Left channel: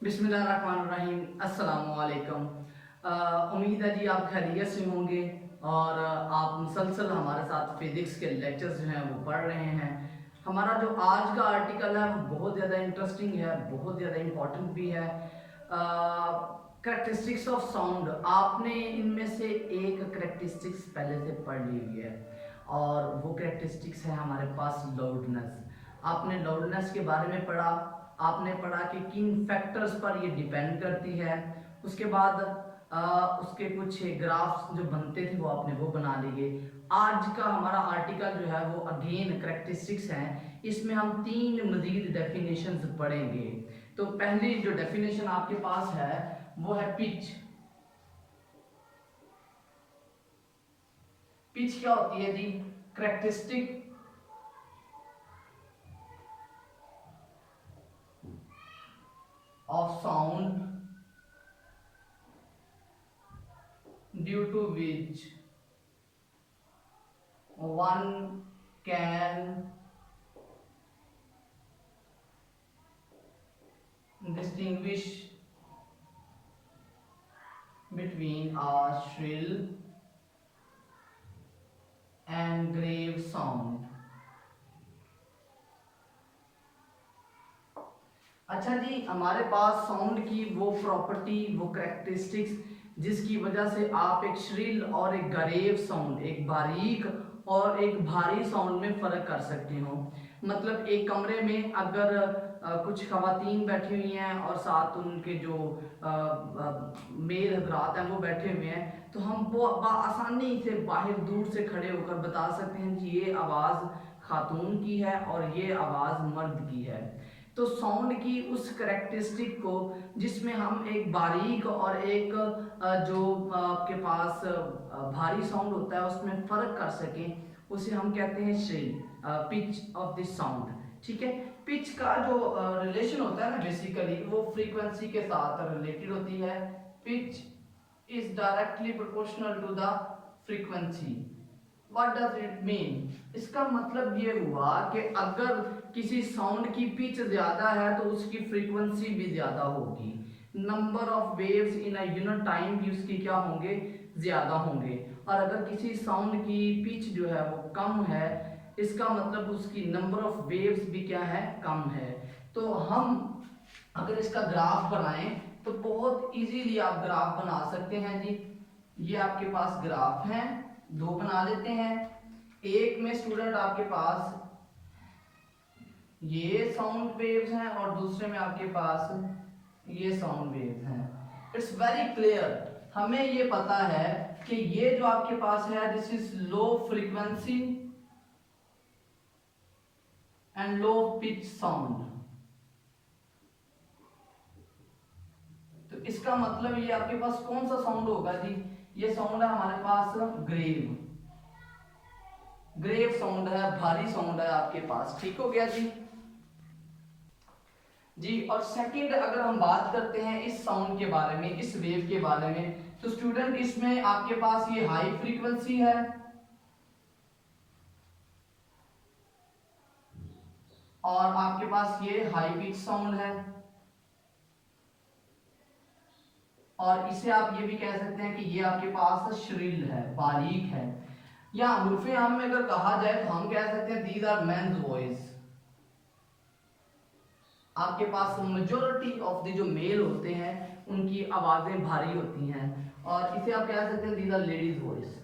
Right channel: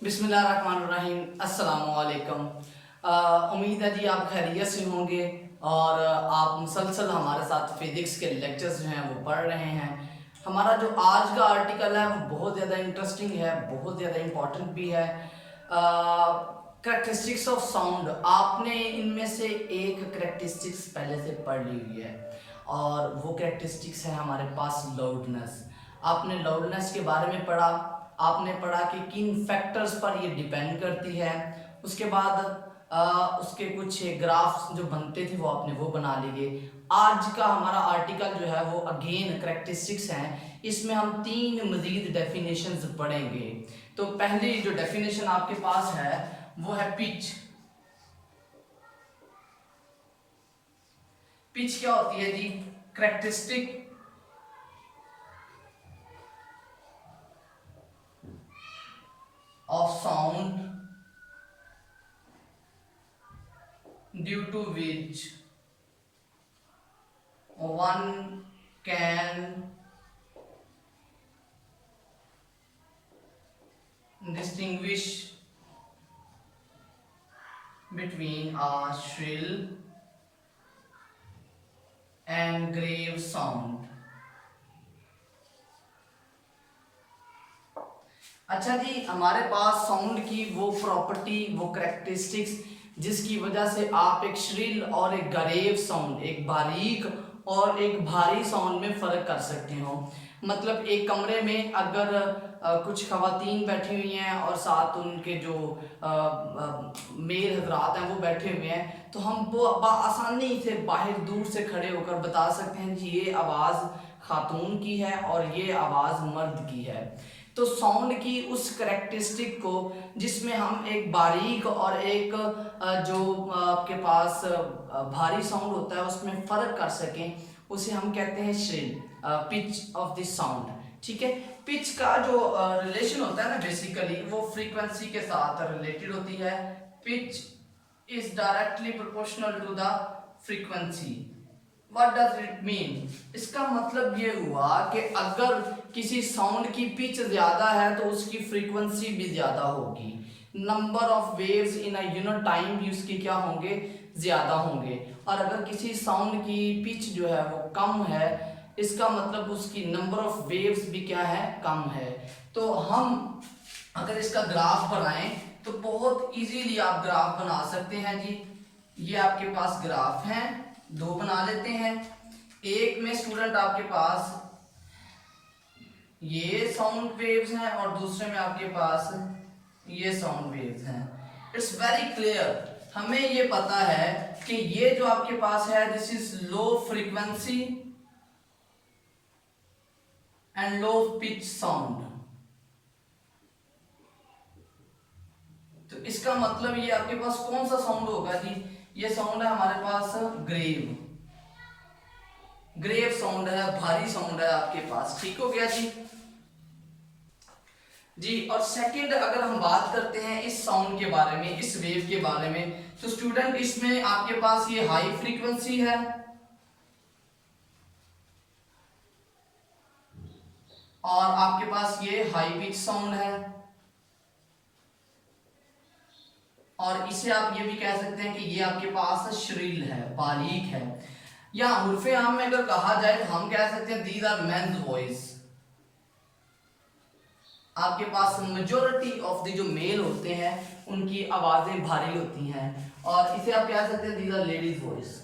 बिस्मिल्लाहिर्रहमानिर्रहीम। अस्सलामुअलैकुम। उम्मीद है जी आप खैरियत से होंगे और आप मुसलसल हमारे साथ फिज़िक्स के लेक्चर्स जो हैं वो पढ़ रहे हैं। हमारा जो आज का आर्टिकल है वो बहुत ज़्यादा इंटरेस्टिंग है, बहुत ज़्यादा इम्पोर्टेंट भी है। करेक्टरिस्टिक्स ऑफ साउंड, आपने इनमें से एक करेक्टरिस्टिक्स पहले से पढ़ ली हुई है और वो करेक्टरिस्टिक्स है हमारे पास लाउडनेस। आपने लाउडनेस के बारे में पढ़ा, आपने पढ़ा कि किन फैक्टर्स पर ये डिपेंड करती है। उसके बाद उसके कुछ ग्राफ्स जो बनते थे वो आपने वो बना लिए। आज का हमारा आर्टिकल जो है वो अगेन करेक्टरिस्टिक्स हैं, इसमें हम तीन मजीद डेफिनेशंस पढ़ेंगे। तो पहली जो डेफिनेशन आपके पास है वो है पिच। पिच क्या होती है जी? Characteristic of sound due to which one can distinguish between a shrill and grave sound। अच्छा जी, हमारे पास साउंड की वो प्रॉपर्टी, वो करेक्टरिस्टिक्स जिसकी वजह से आप एक श्रिल और एक गरेव साउंड, एक बारीक और एक भारी साउंड में फ़र्क कर सकते हो। मतलब एक कमरे में अगर कुछ खवातीन बैठी हुई हैं और साथ उनके जो मेल हजरात हैं वो बैठे हुए हैं, तो हम वो आसानी से बाहर दूर से खड़े होकर बता सकते हैं कि ये आवाज़ खातून की है और ये आवाज़ मर्द की है। तो साउंड की उस करेक्टरिस्टिक को जिसमें हम एक बारीक और एक जो आपके पास भारी साउंड होता है उसमें फ़र्क कर सकें, उसे हम कहते हैं shrill, pitch of the sound. ठीक है, पिच का जो रिलेशन होता है ना, बेसिकली वो फ्रीक्वेंसी के साथ रिलेटेड होती है। Pitch is directly proportional to the frequency. What does it mean? इसका मतलब ये हुआ कि अगर किसी साउंड की पिच ज्यादा है तो उसकी फ्रीक्वेंसी भी ज्यादा होगी। Number of waves in a unit time भी उसकी क्या होंगे? ज्यादा होंगे। और अगर किसी साउंड की पिच जो है वो कम है, इसका मतलब उसकी नंबर ऑफ वेव्स भी क्या है? कम है। तो हम अगर इसका ग्राफ बनाएं तो बहुत इजीली आप ग्राफ बना सकते हैं जी। ये आपके पास ग्राफ हैं, दो बना लेते हैं। एक में स्टूडेंट आपके पास ये साउंड वेव्स हैं और दूसरे में आपके पास ये साउंड वेव्स हैं। इट्स वेरी क्लियर, हमें ये पता है कि ये जो आपके पास है this is low frequency and low pitch sound. तो इसका मतलब ये आपके पास कौन सा साउंड होगा जी? ये साउंड है हमारे पास ग्रेव, ग्रेव साउंड है, भारी साउंड है आपके पास। ठीक हो गया जी। जी, और सेकंड अगर हम बात करते हैं इस साउंड के बारे में, इस वेव के बारे में, तो स्टूडेंट इसमें आपके पास ये हाई फ्रीक्वेंसी है और आपके पास ये हाई पिच साउंड है। और इसे आप ये भी कह सकते हैं कि ये आपके पास श्रिल है, बारीक है। या उर्फे आम में अगर कहा जाए तो हम कह सकते हैं दीज आर मेन्स वॉइस। आपके पास मेजोरिटी ऑफ द जो मेल होते हैं उनकी आवाजें भारी होती हैं और इसे आप कह सकते हैं दीज आर लेडीज वॉइस।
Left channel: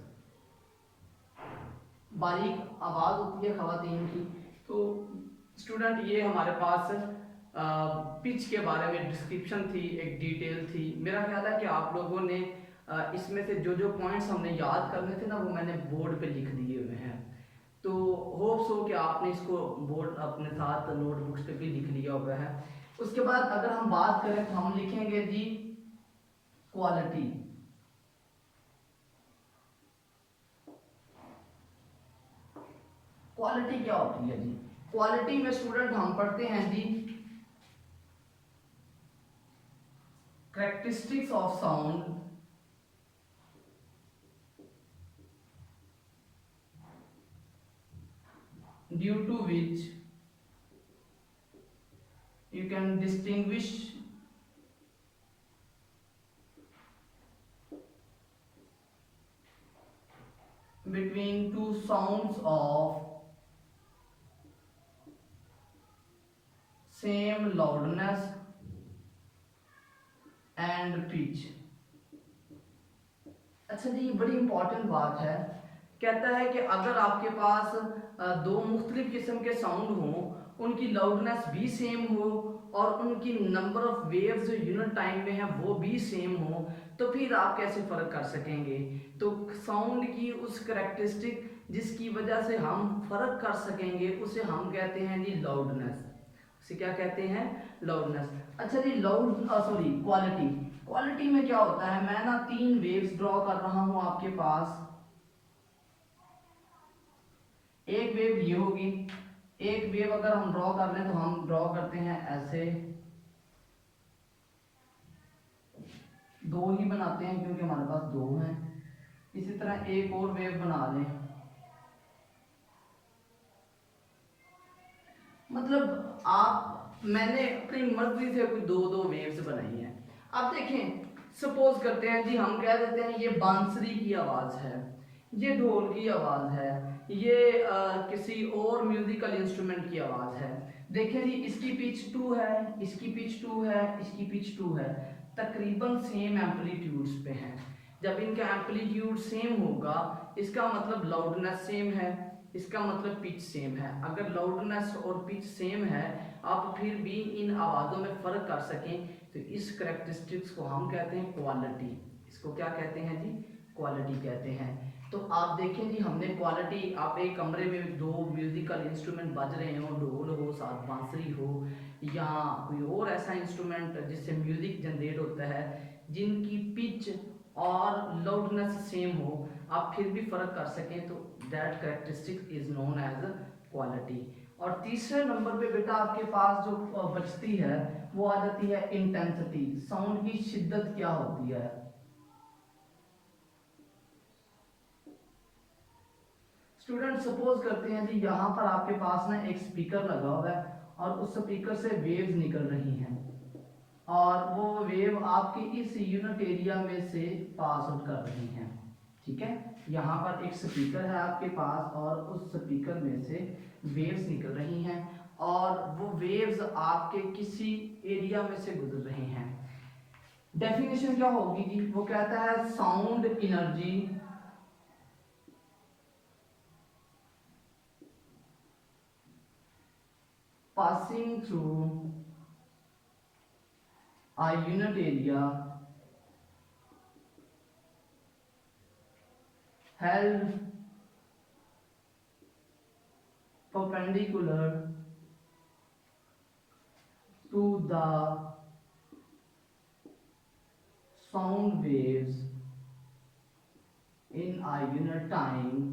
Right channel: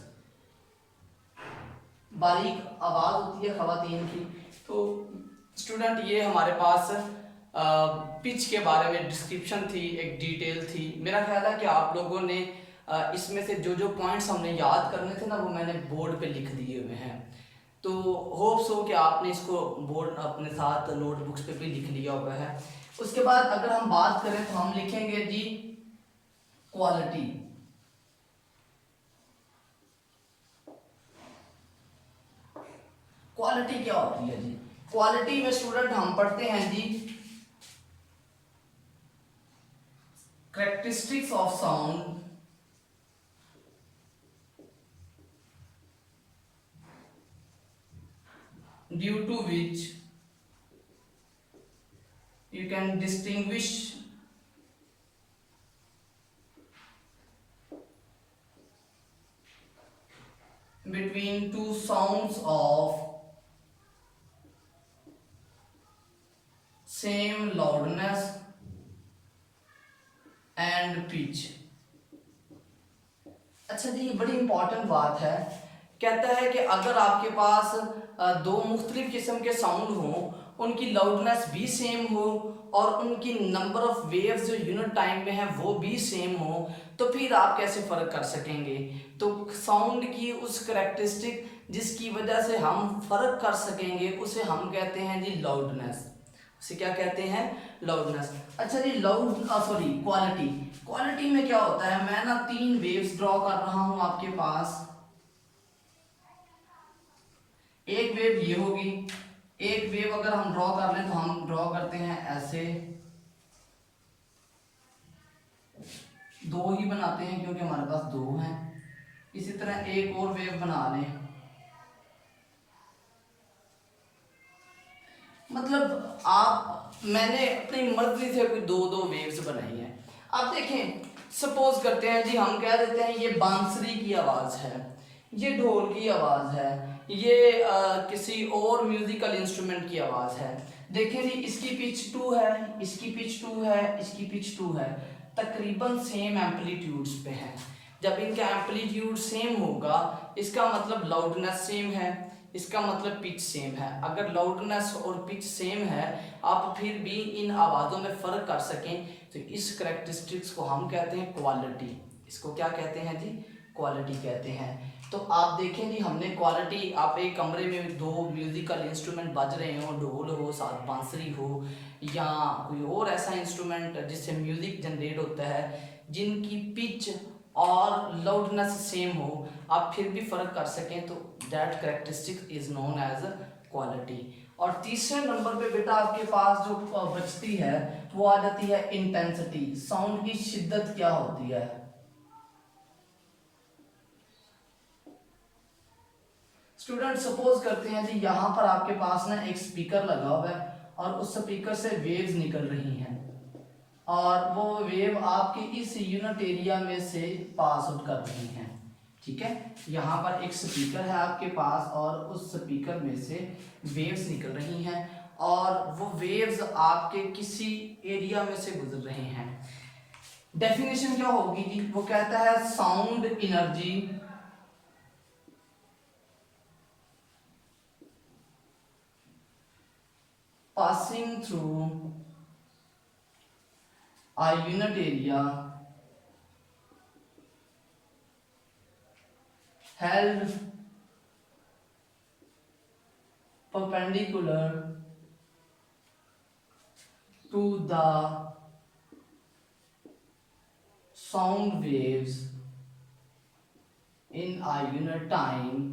बारीक आवाज होती है खवातीन की। तो स्टूडेंट ये हमारे पास पिच के बारे में डिस्क्रिप्शन थी, एक डिटेल थी। मेरा ख्याल है कि आप लोगों ने इसमें से जो जो पॉइंट्स हमने याद करने थे ना वो मैंने बोर्ड पे लिख दिए हुए हैं। तो होप्स हो कि आपने इसको बोर्ड अपने साथ नोटबुक्स पे भी लिख लिया हुआ है। उसके बाद अगर हम बात करें तो हम लिखेंगे जी क्वालिटी। क्वालिटी क्या होती है जी? क्वालिटी में स्टूडेंट हम पढ़ते हैं जी characteristics of sound due to which you can distinguish between two sounds of same loudness and pitch। अच्छा जी, ये बड़ी इंपॉर्टेंट बात है। कहता है कि अगर आपके पास दो मुख्तलिफ किस्म के साउंड हों, उनकी लाउडनेस भी सेम हो और उनकी नंबर ऑफ वेव्स जो यूनिट टाइम में है वो भी सेम हो, तो फिर आप कैसे फ़र्क कर सकेंगे? तो साउंड की उस करेक्टरिस्टिक जिसकी वजह से हम फ़र्क कर सकेंगे उसे हम कहते हैं जी लाउडनेस। उसे क्या कहते हैं? लाउडनेस। अच्छा जी, क्वालिटी। क्वालिटी में क्या होता है, मैं ना 3 वेव्स ड्रॉ कर रहा हूं आपके पास। एक वेव ये होगी, एक वेव अगर हम ड्रॉ कर लें तो हम ड्रॉ करते हैं ऐसे, दो ही बनाते हैं क्योंकि हमारे पास दो हैं। इसी तरह एक और वेव बना लें, मतलब मैंने अपनी मर्जी से कोई दो दो वेव्स बनाई हैं। अब देखें, सपोज करते हैं जी, हम कह देते हैं ये बांसुरी की आवाज़ है, ये ढोल की आवाज़ है, ये किसी और म्यूजिकल इंस्ट्रूमेंट की आवाज़ है। देखें जी, इसकी पिच 2 है, इसकी पिच 2 है, इसकी पिच 2 है, तकरीबन सेम एम्पलीट्यूड्स पे हैं। जब इनका एम्पलीट्यूड सेम होगा इसका मतलब लाउडनेस सेम है, इसका मतलब पिच सेम है। अगर लाउडनेस और पिच सेम है, आप फिर भी इन आवाज़ों में फ़र्क कर सकें, तो इस करेक्टरिस्टिक्स को हम कहते हैं क्वालिटी। इसको क्या कहते हैं जी? क्वालिटी कहते हैं। तो आप देखें जी, हमने क्वालिटी, आप एक कमरे में दो म्यूजिकल इंस्ट्रूमेंट बज रहे हो, ढोल हो, साथ बांसुरी हो, या कोई और ऐसा इंस्ट्रूमेंट जिससे म्यूजिक जनरेट होता है, जिनकी पिच और लाउडनेस सेम हो, आप फिर भी फ़र्क कर सकें, तो that characteristic is known as quality. और तीसरे नंबर पे बेटा आपके पास जो बचती है वो आ जाती है इंटेंसिटी। साउंड की शिद्दत क्या होती है? स्टूडेंट, सपोज करते हैं जी, यहाँ पर आपके पास ना एक स्पीकर लगा हुआ है और उस स्पीकर से वेव्स निकल रही हैं और वो वेव आपके इस यूनिट एरिया में से पास आउट कर रही हैं। ठीक है, यहाँ पर एक स्पीकर है आपके पास और उस स्पीकर में से वेव्स निकल रही हैं और वो वेव्स आपके किसी एरिया में से गुजर रहे हैं। डेफिनेशन क्या होगी जी? वो कहता है sound energy passing through a unit area held perpendicular to the sound waves in a unit time,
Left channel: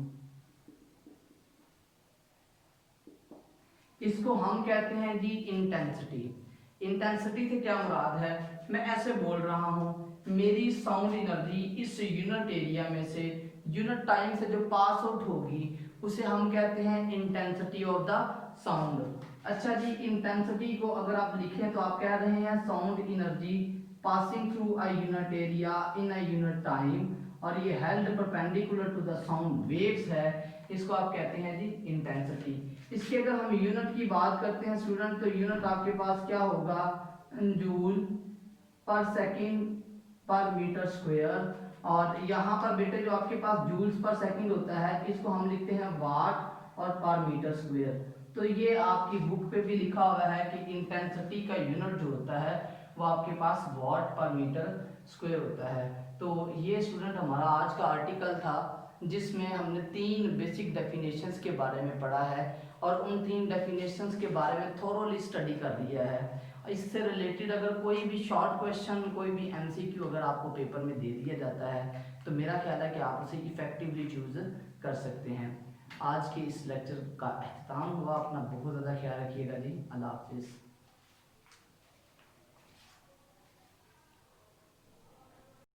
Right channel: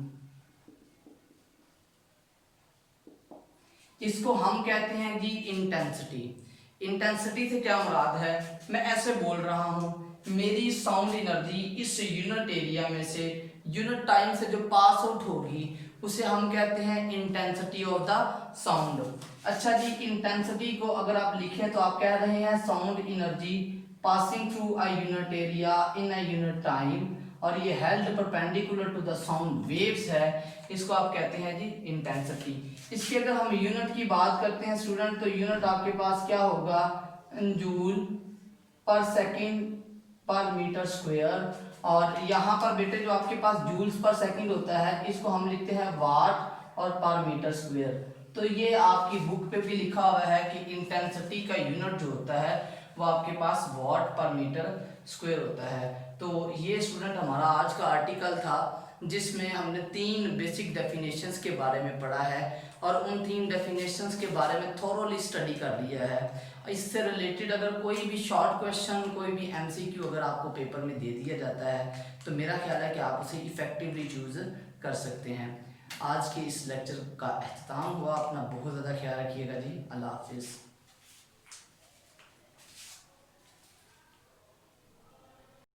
इसको हम कहते हैं जी इंटेंसिटी। इंटेंसिटी से क्या मुराद है? मैं ऐसे बोल रहा हूं, मेरी साउंड एनर्जी इस यूनिट एरिया में से यूनिट टाइम से जो पास आउट होगी उसे हम कहते हैं इंटेंसिटी ऑफ द साउंड। अच्छा जी, इंटेंसिटी को अगर आप लिखें तो आप कह रहे हैं sound energy passing through a unit area in a unit time, और ये held perpendicular to the sound waves है, इसको आप कहते हैं जी इंटेंसिटी। इसकी अगर हम यूनिट की बात करते हैं स्टूडेंट, तो यूनिट आपके पास क्या होगा? जूल पर सेकंड पर मीटर स्क्वायर। और यहाँ पर बेटे जो आपके पास जूल्स पर सेकंड होता है इसको हम लिखते हैं वाट और पर मीटर स्क्वायर। तो ये आपकी बुक पे भी लिखा हुआ है कि इंटेंसिटी का यूनिट जो होता है वो आपके पास वाट पर मीटर स्क्वायर होता है। तो ये स्टूडेंट हमारा आज का आर्टिकल था जिसमें हमने 3 बेसिक डेफिनेशंस के बारे में पढ़ा है और उन 3 डेफिनेशंस के बारे में थोरोली स्टडी कर लिया है। इससे रिलेटेड अगर कोई भी शॉर्ट क्वेश्चन, कोई भी एमसीक्यू अगर आपको पेपर में दे दिया जाता है तो मेरा ख्याल है कि आप उसे इफेक्टिवली चूज कर सकते हैं। आज के इस लेक्चर का अख्ताम हुआ। अपना बहुत ज़्यादा ख्याल रखिएगा जी। अल्लाह हाफिज़।